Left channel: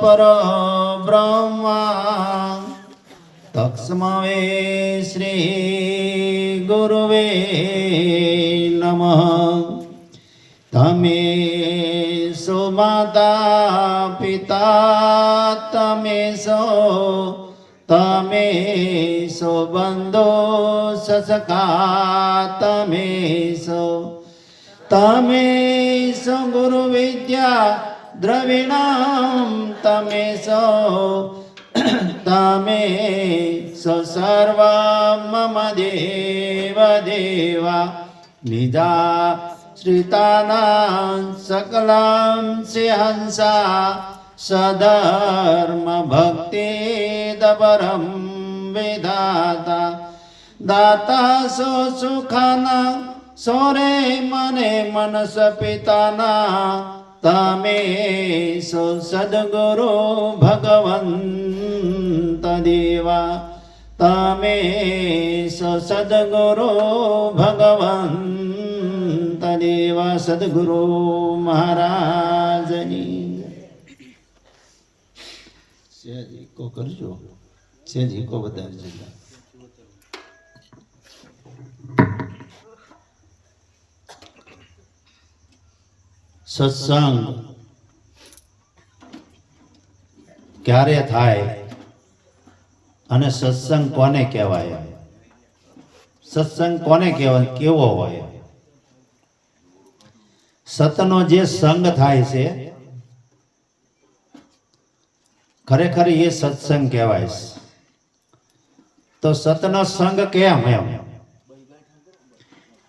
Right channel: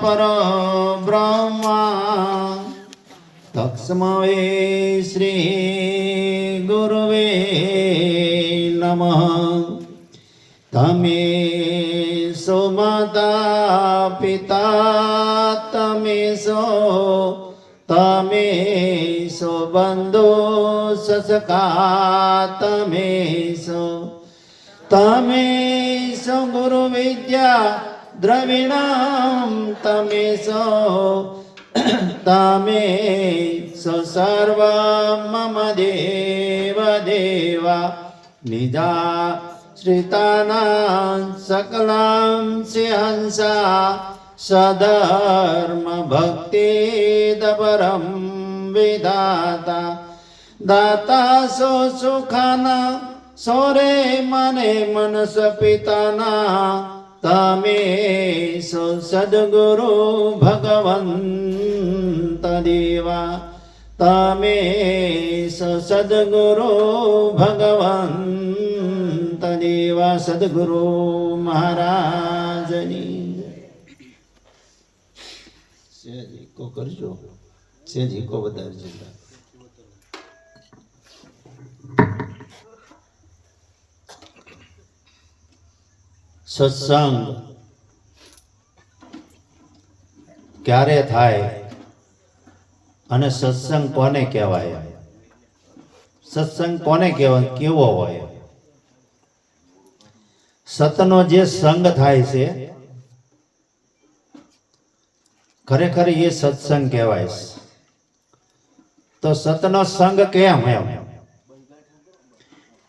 પર બ્રહ્મા. તક્ષ્મવે શ્રી ગુરુવે નમ. તમે સુમાતા પિતા, તમે સો તમે સો બંધો સસકા, તમે સો. તમે સો ગુરુ વિદ્યા દ્રવિણામ તમે સો તમે સો સર્વ મમ દેવ દેવા. નિધા શ્રિતાના સકલાં સિંહંસા, સધર્મ ભક્તિ દપરમ વિધાતા. દાતા સો સુખના, સોરે મને મનસ પિતાના તમે સો સદગુરુ ભગવંત દેવા તમે સો સદગુરુ ભગવંત દેવા સદગુરુ મહારાજની કો કરજો સેજી કો વધારજો સત્સંગ ક્યારે થાય અને સત્સંગ કોને કહેવાય? સત્સંગ કોને કહેવાય? કેવો હોય? સતનો જે સંગ થાય છે, ખરેખર એ સત્સંગ કહેવાય. તો સતનો સંગ કેમ એમ?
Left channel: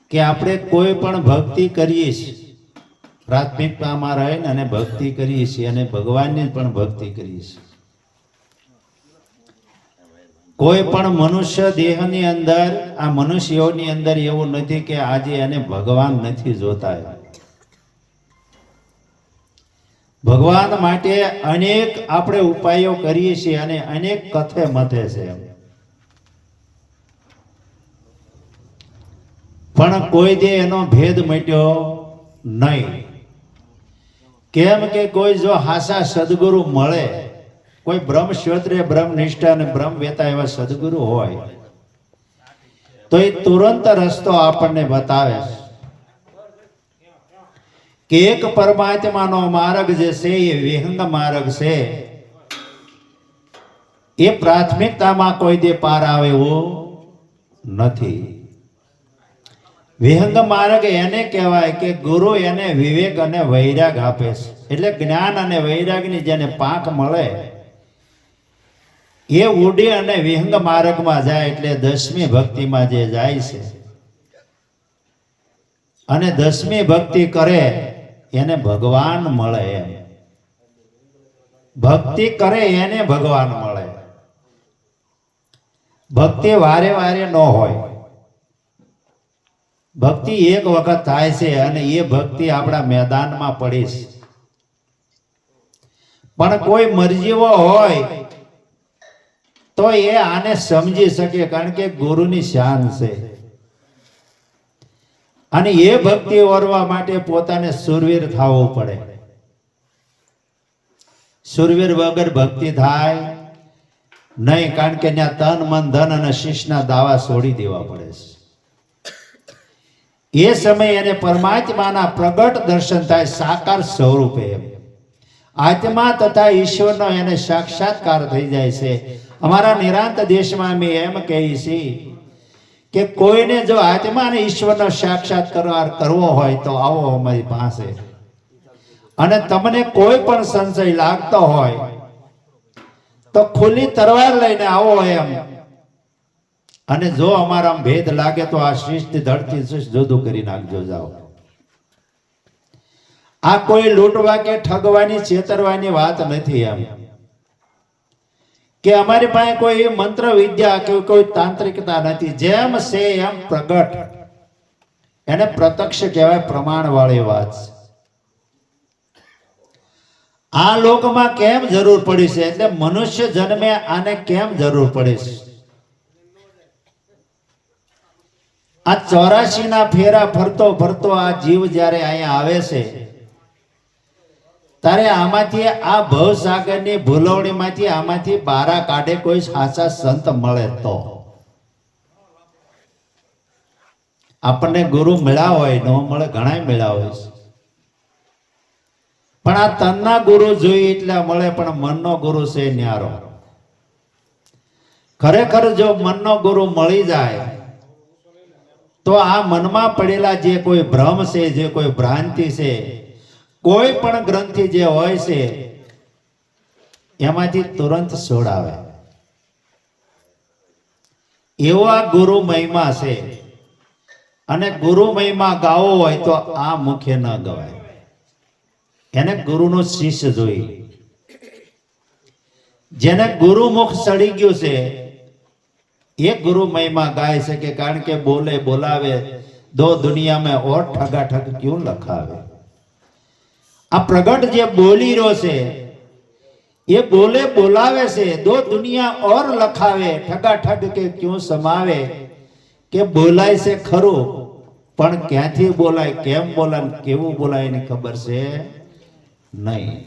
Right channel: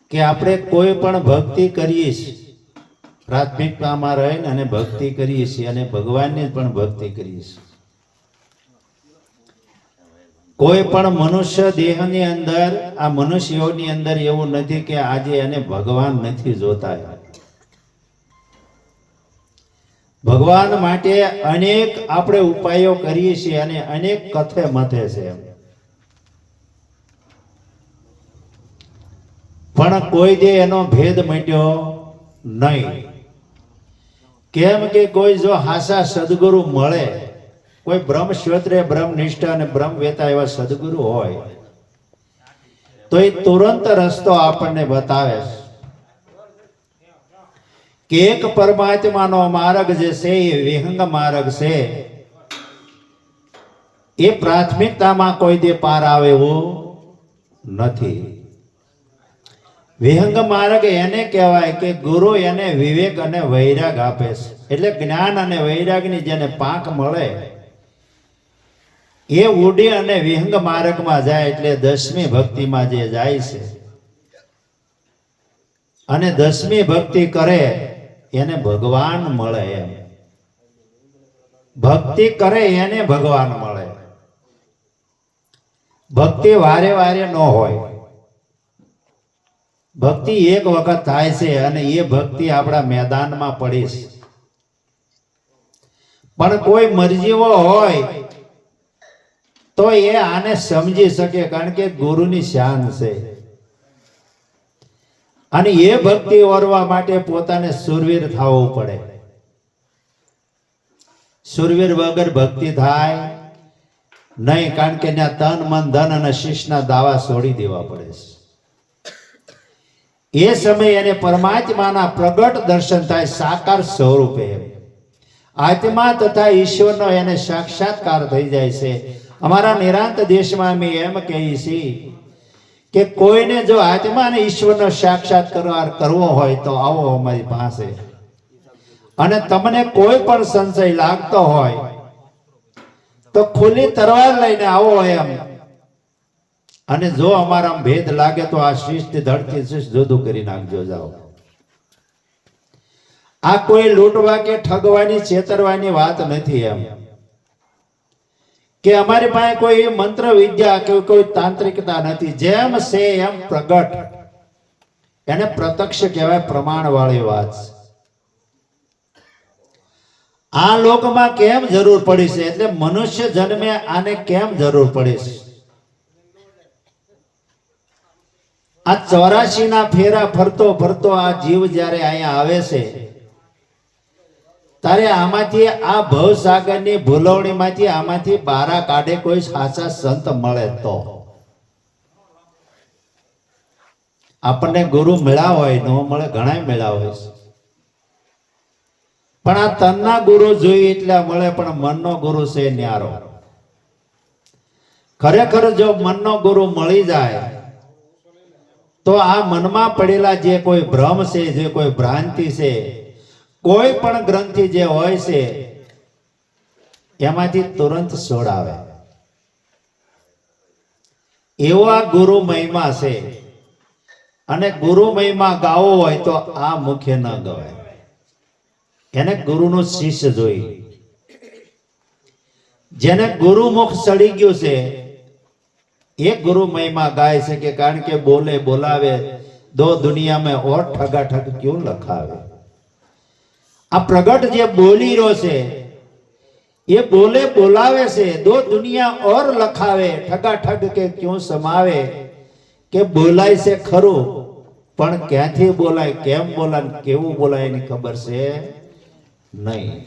કે આપણે કોઈ પણ ભક્તિ કરીએ છીએ પ્રાથમિકતામાં રહીને અને ભક્તિ કરીએ છીએ અને ભગવાનને પણ ભક્તિ કરીએ છીએ. કોઈ પણ મનુષ્ય દેહની અંદર, આ મનુષ્યોની અંદર એવું નથી કે આજે એને ભગવાન નથી જોતા ભગવાન માટે અનેક આપણે ઉપાયો કરીએ છીએ અને અનેક કથે મથે છે પણ કોઈ દે એનો ભેદ મટ્યો નહીં. કેમ કે કોઈ જો હાસા સદગુરુ મળે, કોઈ બ્રહ્મ ક્ષેત્રે બ્રહ્મ નિષ્ઠા અને બ્રહ્મ વેતા એવા સદગુરુ હોય, તો એ તુરંત રસ્તો આપણને બતાવે કે એક પરમાત્માનો માર્ગ જે છે, એ વિહંગ માર્ગ છે, એ પ્રાથમિકતામાં કોઈ દે પાર આવે એવું નથી. વિહંગ માર્ગ એને કહેવાય કે ગુરુ એને વિવેક અને વૈરાગ આપે છે. એટલે જ્ઞાન અને વૈરાગની જેને પાંખ મળે, એ ઉડી અને વિહંગ માર્ગમાં જાય એટલે દસમી ભક્તિમાં જે જાય છે, અને દસમી ભક્તિ કરે એને ભગવાન મળે એમ. ભક્તિ કરે એને ભગવાન મળે. ભક્તિ વારે વારે ન હોય. ભક્તિ એક વખત થાય છે અને એ ભક્તિ આપણા મેદાનમાં પડે છે. પણ કોઈ મરજીઓ હોય, તો એ આને સમજી શકે કારણ કે ગુરુની શાન છે. અને એ ભક્તિ વરવા માટે પોતાને સુરવીર થવું પડે. સુરવીર વગર ભક્તિ થાય નહીં, કારણ કે ત્યાં તન, મન, ધન અને શીશના દાવા છોડી દેવા પડે છે. એ સમયે એને પરમાત્માના પ્રગટ દર્શન થાય સાકાર સ્વરૂપે આત્મા તથા ઈશ્વરનો એને સાક્ષાત્કાર થઈ જાય છે. અમારા નિરાંત દેશમાં અમે એમ કહીએ છીએ કે કોઈને જો આત્મા અને ઈશ્વરનો સાક્ષાત્કાર કરવો હોય તો આવો અમારી પાસે. અને તમને કોઈ પણ સંશય લાગતો હોય તો ખુલ્લી તરવાર લઈને આવો એમ. અને જો અમારા ભેદ લાગે તો આ શિષ્ટ ધડથી શિષ્ટ જુદું કરી નાખજો, જાઓ. આ કોઈ લૂંટવા કે ઠગવાની, છેતરવાની વાત નથી એમ. કે અમારી પાસે કોઈ મંત્ર, વિદ્યા કે કોઈ તાંત્રિકતા નથી. જેમ છે એમ પ્રગટ. એને પ્રત્યક્ષ કહેવાય પ્રમાણ વાળી વાત. આ લોકમાં કેમ જરૂર પડી છે? એટલે મનુષ્ય જન્મે આને કેમ જરૂર પડી છે? આ ચોરાશી ના ફેરા ફરતો ફરતો આ જીવ જ્યારે અહીંયા આવે છે તારે આમાંથી આ ભવસાગરની ભૂલવણીમાંથી આમાંથી બારા કાઢે કોઈ સાચા સંત મળે તો. આપણને ગુરુ મળ્યા હોય, ન મળે ઘણા મળ્યા હોય છે. પણ આ તનના ગુરુ જોઈએ એટલે મળે, પણ મનનો ગુરુ છે ન્યારો. ખરેખર જો મનનો ગુરુ મળી જાય તો આ મનમાં પડેલા જે કોઈ ભ્રમ છે, જે કોઈ ભ્રાંતિ છે, કોઈ પણ ગ્રંથિ જે હોય છે, એમાંથી તુરંત છોડાવે એવો ગુરુ મહિમા છે. અને ગુરુ મહિમા ગાવો હોય તો આ મુખ્ય ન ગવાય. એને ગુરુનો શિષ્ય જોઈ. જેને ગુરુમુખ સડી ગયું છે એ ગુરુ મહિમા ગાય છે કે કારણ કે બોલે, બોલાવે, દો દુનિયા મેં ઓર ઠગા ઠગ ક્યું લખાવે? આ પ્રગટ જે બોલી રહ્યો છે, એ બોલે, બોલાવે છે, દો દુનિયા ઓર લખાવે ઠગા ઠગ કે ક્યું સમાવે? કે બોલાય છે ખરું, પણ ક્યાંથી બોલાય, કેમ બોલાય કેવું બોલાય એની ખબર છે નહીં.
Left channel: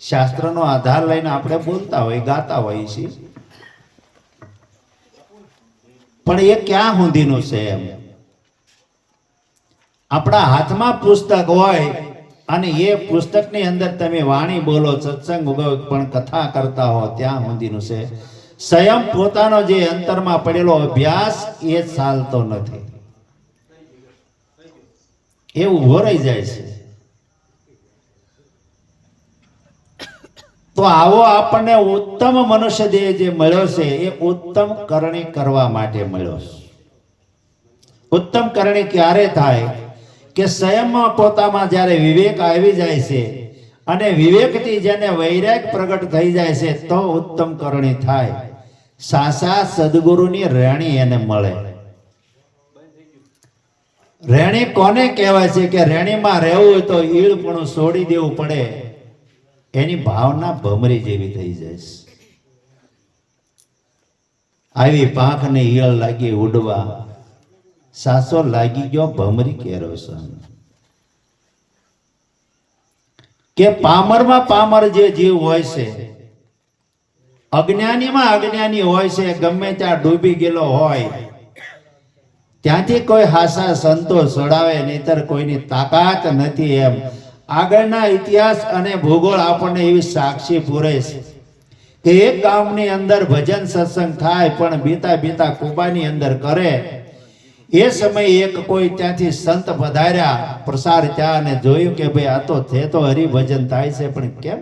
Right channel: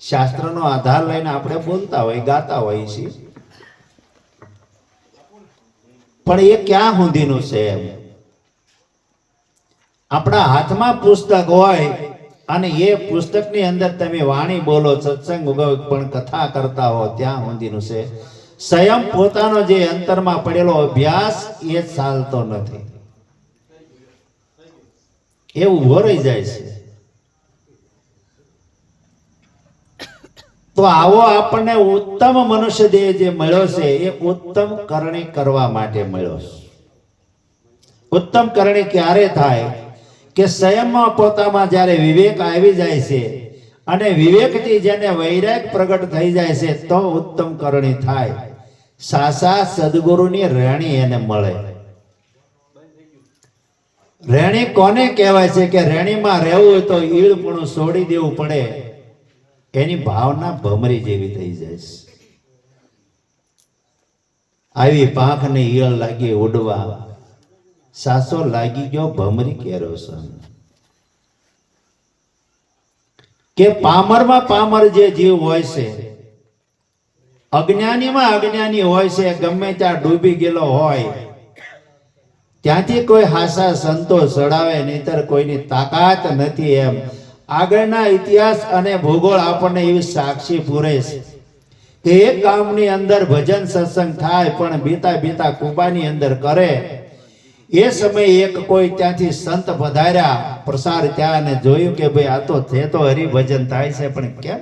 શાસ્ત્રનો આધાર લઈને આપણે બોલતા હોય, ગાતા હોઈએ છીએ. પણ એ ક્યાં સુધીનું છે એમ? આપણા હાથમાં પુસ્તક હોય અને એ પુસ્તકની અંદર તમે વાણી બોલો, સત્સંગ પણ કથા કરતા હો, ત્યાં સુધીનું છે. સ્વયં પોતાનો જે અંતરમાં પડેલો અભ્યાસ એ ચાલતો નથી. એ ઊભો જાય છે. તો આવો આપણને ઉત્તમ મનુષ્ય દેહ જે મળ્યો છે, એ ઉત્તમ કરણી કરવા માટે મળ્યો છે. ઉત્તમ કરણી ક્યારે થાય? કે સ્વયંમાં પોતામાં જ્યારે વિવેક આવી જાય છે અને વિવેકથી જેને વૈરાગ પ્રગટ થઈ જાય છે, તો ઉત્તમ કરણી થાય. સાસા સદગુરુની રેણી એને મળે. રેણી કોને કહેવાય છે? કે રેણીમાં રહેવું હોય તો ઈળપણું છોડી દેવું પડે. એની ભાવના ભમરી જેવી થઈ જાય છે. આવી પાંખને ઈયળ લાગી ઉડવા, સાસો લાગી ગયો ભમરી કેરો કે પામરમાં પામર જે જીવ હોય છે, અજ્ઞાનીમાં અજ્ઞાની હોય છે, ગમે ત્યાં ડૂબી ગયેલો હોય, ત્યાંથી કોઈ હાસા સંતો સડાવે, નહીતર કોઈની તાકાત નથી એમ આગળના ઇતિહાસ અને ભૂગોળ આપણને એવી સાક્ષી પૂરે છે કે એક ગામની અંદર ભજન સત્સંગ થાય, પણ બીતા બીતા કુબાની અંદર કરે. એ સમયે એક કોઈ ત્યાંથી સંત પધાર્યા પ્રસાર ત્યાં અને જોયું કે ભાઈ આ તો થે તો હરિભજન થાય છે, પણ કેમ